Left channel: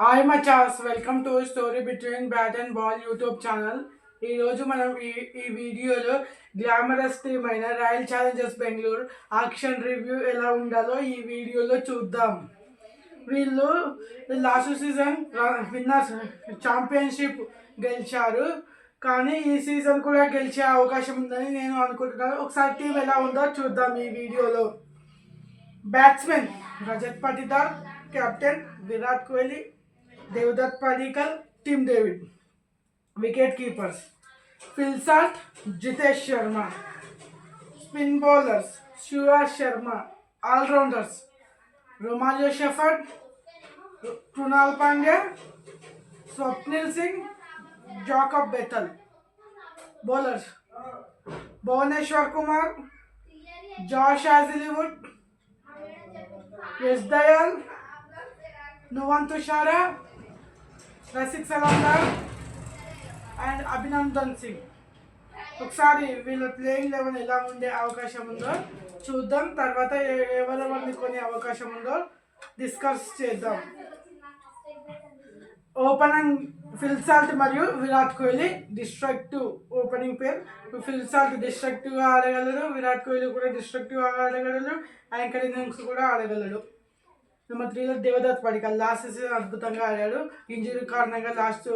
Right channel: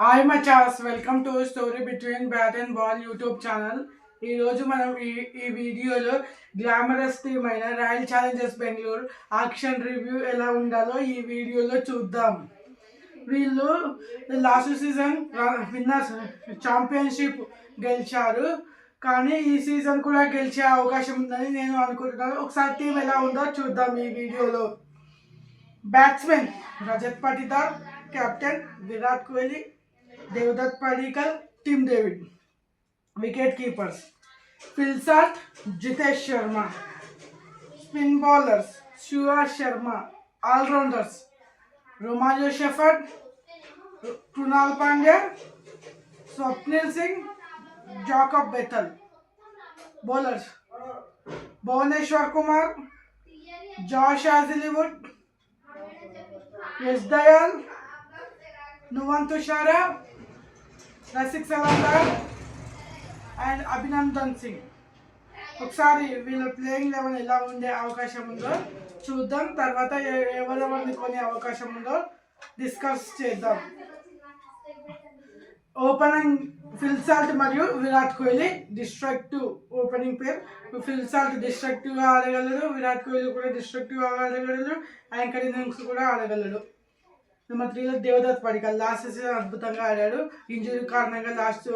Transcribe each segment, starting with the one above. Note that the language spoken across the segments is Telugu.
హాయ్ మచాస్, welcome to story between bat and ball YouTube channel. ఈరోజు మనం ఈ వీడియోలో గ్లామరస్ టీమ్ అయిన Royal Challengers Bengaluru action review ఎలా ఉండాలో ఈ వీడియోలో చూద్దాం. వీళ్ళు లాస్ట్ సీజన్ విన్నర్స్ ఛాంపియన్షిప్ గెలిచారు, కానీ ఈ సీజన్ కూడా గెలిచే అవకాశం ఉందని నేను అనుకుంటున్నాను. ఒకసారి టీం ఎలా ఉందో చూద్దాం ఈ వీడియోలో. Batsmen Rajat Patidar, captain Virat Kohli, Devdutt Padikkal, Tim David. Wicket keepers Phil Salt, Jitesh Sharma. Spin bowlers Shiva Sharma. Allrounders Romario Shepherd, Krunal Pandya, Swapnil Singh, Jacob Bethell. Bowlers Bhuvneshwar Kumar, Josh Hazlewood, Yash Dayal, Nuwan Thushara, Rasikh Salamdar and Abhinandan Singh. ఒకసారి వీళ్ళ ప్లేయింగ్ లెవెన్ ఎలా ఉండే అవకాశం ఉందో చూద్దాం. తర్వాత ఎవరెవరిని కొనే అవకాశం ఉందో డిస్కస్ చేద్దాం. ఓపెనింగ్ ఫిల్ సాల్ట్ మరియు విరాట్ కోహ్లీ డిస్ట్రక్టివ్. ఓపెనింగ్ పేరు ఫిల్ సాల్ట్ డిస్ట్రక్టివ్గా ఆడగలడు, విరాట్ కోహ్లీ కూడా డిస్ట్రక్టివ్గా ఆడగలడు, యాంకర్ ఇన్నింగ్స్ కూడా ఆడగలడు. నెంబర్ 3లో దేవదత్ పడిక్కల్ లాస్ట్ సీజన్ అద్భుతంగా ఆడాడు. ఇంజురీ కారణంగా లాస్ట్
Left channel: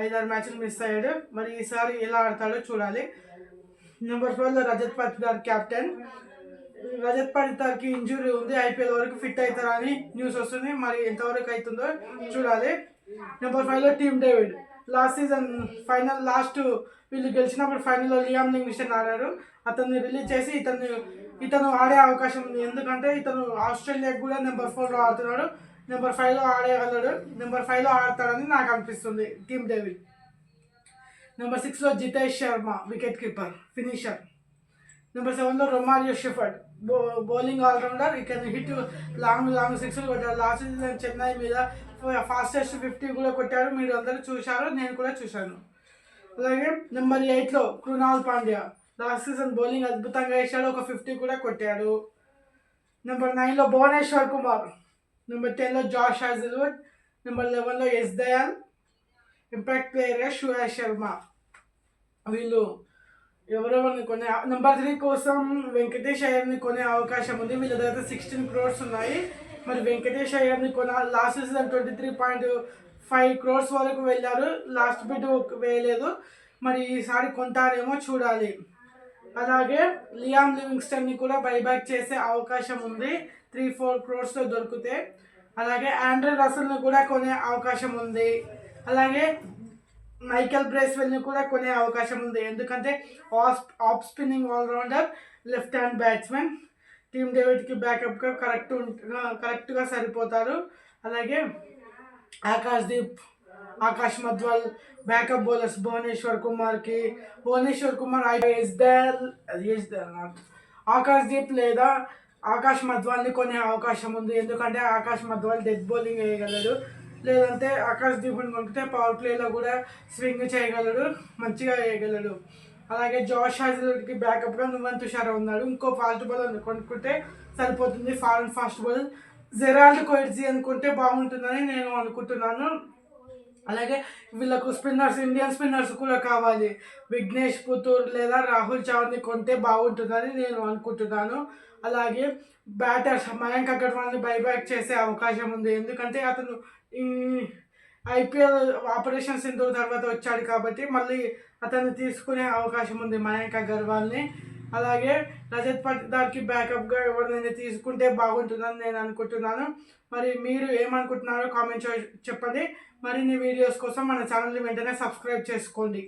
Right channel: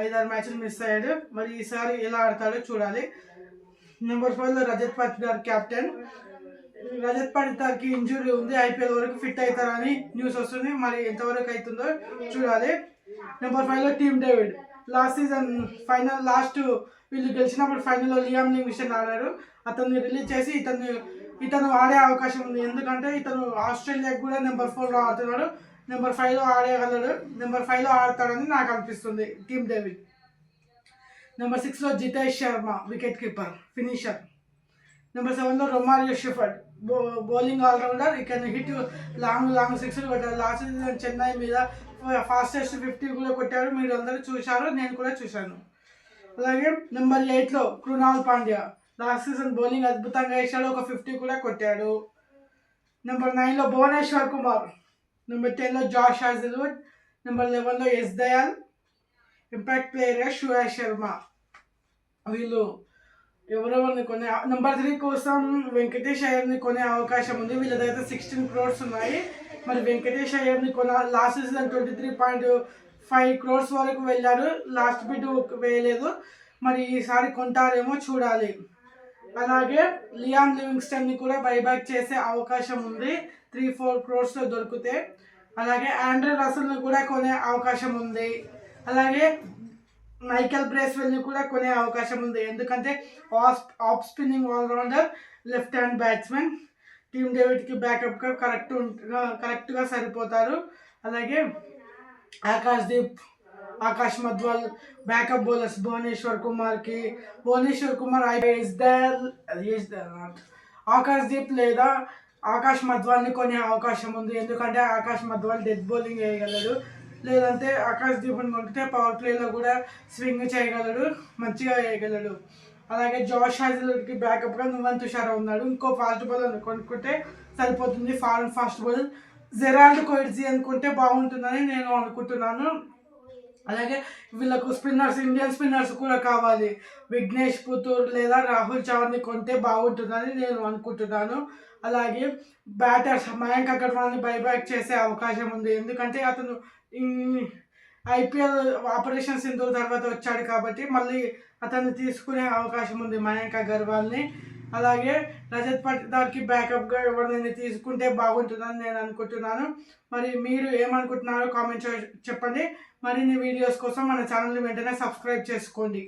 5-6 మ్యాచ్లు మిస్ అయ్యాడు. మరి ఈసారి ఎలా ఆడతాడో చూడాలి. నెంబర్ 4లో రజత్ పటిదార్ కెప్టెన్. రజత్ పటిదార్కి ఇంజురీ ఉంది, ఐపీఎల్ వరకు ఫిట్ అవుతారని న్యూస్ వస్తుంది. మరి ఎంతవరకు అవుతుందో చూడాలి. నెంబర్ 5లో Tim David. Last season last వీళ్ళు గెలిచినప్పుడు ఫైనల్లో లియామ్ లివింగ్స్టన్ ఆడారు. అతన్ని రిలీజ్ చేసి ఇతను ఆడే అవకాశం ఉంది, ఎందుకంటే ఇతను ఆస్ట్రేలియాకి కూడా నెంబర్ 4లో ఆడుతున్నాడు. నెంబర్ 5లో ఆడగలడు, నెంబర్ 5లో ఆడతాడని నాకు అనిపిస్తుంది టీమ్ డేవిడ్. నెంబర్ 6లో Jitesh Sharma, wicket keeper finisher. Number 7లో రొమారియో షెఫర్డ్, బౌలింగ్ ఆల్రౌండర్. ఇక హిట్ లాంగ్ సిక్స్లు కొట్టాడు. లాస్ట్ సీజన్ చెన్నై మీద ఫాస్టెస్ట్ 50 కూడా కొట్టాడు. మీరు అందరూ చూశారు, నేను కూడా చూశాను. అలాగే నెంబర్ 8లో Krunal Pandya. Last season bowling అద్భుతంగా వేసాడు, ఒక 50 కూడా కొట్టాడు. నెంబర్ 9లో భువనేశ్వర్ కుమార్. నెంబర్ 10లో జాష్ హాజల్వుడ్. నెంబర్ 11లో యశ్ దయాల్. ఇంపాక్ట్ ప్లేయర్గా శివా శర్మ. వీళ్ళు ఎవరెవరిని కొనే నెంబర్ 3 కోసం వెంకటేష్ అయ్యర్ని కొనే అవకాశం ఉంది. వీళ్ళ దగ్గర 16 crores ఉన్నాయి. మరి వెంకటేష్ అయ్యర్ని లాస్ట్ సీజన్ 23.5 crores వరకు వెళ్ళారు. లాస్ట్ బిడ్ వేయలేదు. మరి ఈసారి కొంటారేమో చూడాలి. అలాగే లియామ్ లివింగ్స్టన్ని కూడా బైబ్యాక్ చేసే అవకాశం ఉంది 3-4 crores దొరికితే. అలాగే ఆండ్రే రసల్ని కూడా కొనే అవకాశం ఉంది. అలాగే మైకెల్ బ్రేస్వెల్ని కూడా కొనే అవకాశం ఉంది, ఎందుకంటే off spinning allrounder, left hand batsmen. Tim డేవిడ్కి బ్యాకప్గా కరెక్ట్గా సరిపోతారు. అలాగే ఆకాష్ మధ్వాల్ బ్యాకప్ బౌలర్స్ భువనేశ్వర్ కుమార్ ఆకాష్దీప్ లేదా ఆకాష్ మధ్వాల్ని కొనే అవకాశం ఉంది, ఎందుకంటే ఆకాష్ మధ్వాల్ డెత్ బౌలింగ్ వేయగలడు. లేదంటే ఆకాష్దీప్ని కొనుక్కుంటే పవర్ ప్లేలో కూడా స్వింగ్ చేయగలడు, మంచిగా వేయగలడు. అలాగే జాష్ హాజల్వుడ్కి బ్యాకప్గా నువన్ తుషారా ఉన్నాడు. ఇంకో ఫాస్ట్ బౌలర్ కొనుక్కుంటే సరిపోతుంది, foreign fast bowler Gerald Coetzee అనుకుంటే బాగుంటుందని నేను అనుకుంటున్నాను. అలాగే వీళ్ళకు ఇండియన్ స్పిన్నర్స్ కూడా కావాలి. విఘ్నేష్ పుతూర్ లేదా రాహుల్ చౌహాన్ని కొంటే బాగుంటుందని నేను అనుకుంటున్నాను. అలాగే బ్యాటర్స్ మయాంక్ అగర్వాల్ని బైబ్యాక్ చేసే అవకాశం ఉంది, ఎందుకంటే అతను ఐపీఎల్ ఆపరేషన్ సింధూర్ తర్వాత వచ్చాడు కాబట్టి మళ్ళీ అతన్ని తీసుకునే అవకాశం ఉంది మయాంక్ అగర్వాల్ని. అలాగే రజత్ పటిదార్కి బ్యాకప్గా ఎవరినైనా తీసుకుంటే బాగుంటుందని నేను అనుకుంటున్నాను. మరి మీరు ఏమనుకుంటున్నారో కామెంట్ చెప్పండి. మరిన్ని వీడియోస్ కోసం మన ఛానల్ని వెంటనే సబ్స్క్రైబ్ చేసుకోండి.